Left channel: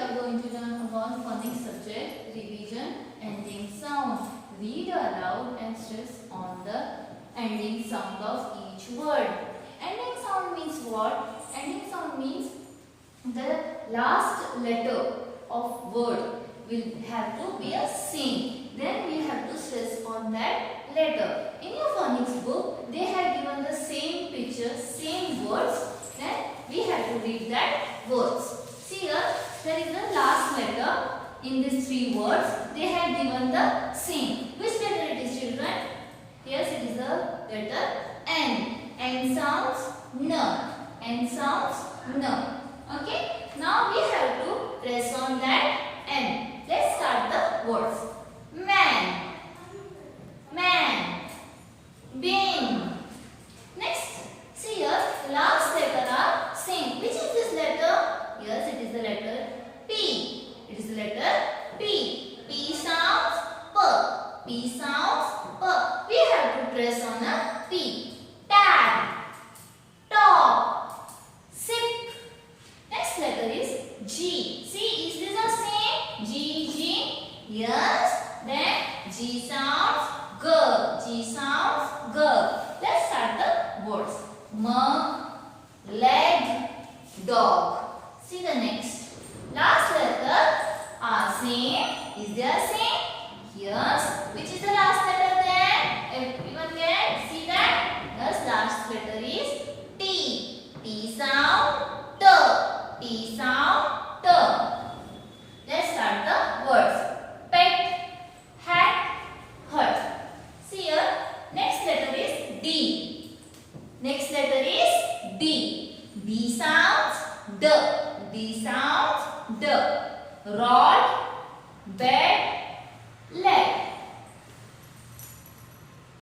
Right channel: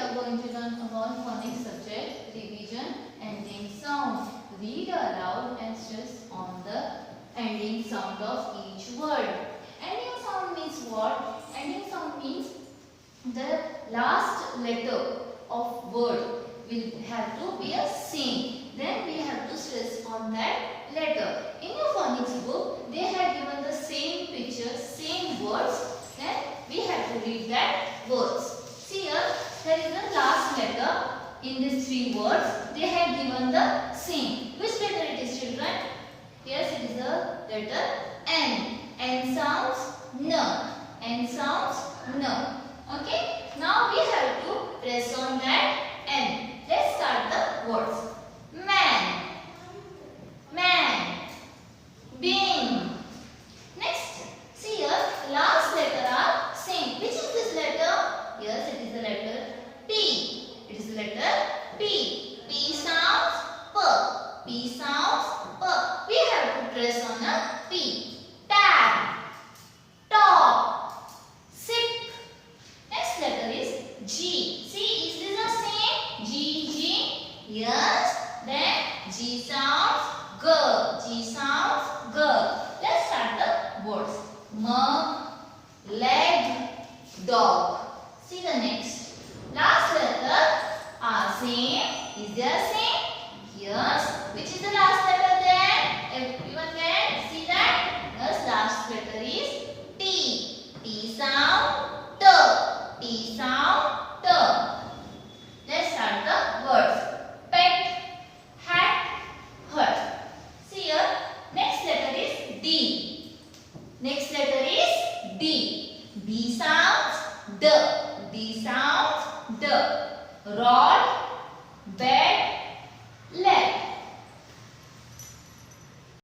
are going to learn about phonics subject, revision, ending sound. Read aloud and stress on the ending sound of each word. Ending sound means what? Ending sound means the last letter of word will have to be a same. Then we have to stress on that letter. In your phonics book, they have given the same picture, same words. Then we have to read that words. See here, there is the last letter in these three words. They have given the same. Which letter it is, children? Yes, it is the letter N. N sounds N. N sounds N. Okay. Now we have to press on that N. Let's start the words. Man. Man. Bin. Next. See here, last letter are same. Which is this letter? Yes, it is the letter P. It is the letter P. P sounds P. P sounds P. We have to press on a P. Tab. Top. Sip. Next letter is G. See, is this the same? G, G. Yes. Then G sounds G. G sounds G. Let's start the words. Leg, dog. See the next. Last letter are same. Is there same? Yes. Which is the last letter then? Everyone can see that? Yes, last letter is T. T sound T. T sound T. Let's start the words. Pet, hat, hut. See here. Next letter is D. Next letter is D. D sounds D. D sounds D. Rod,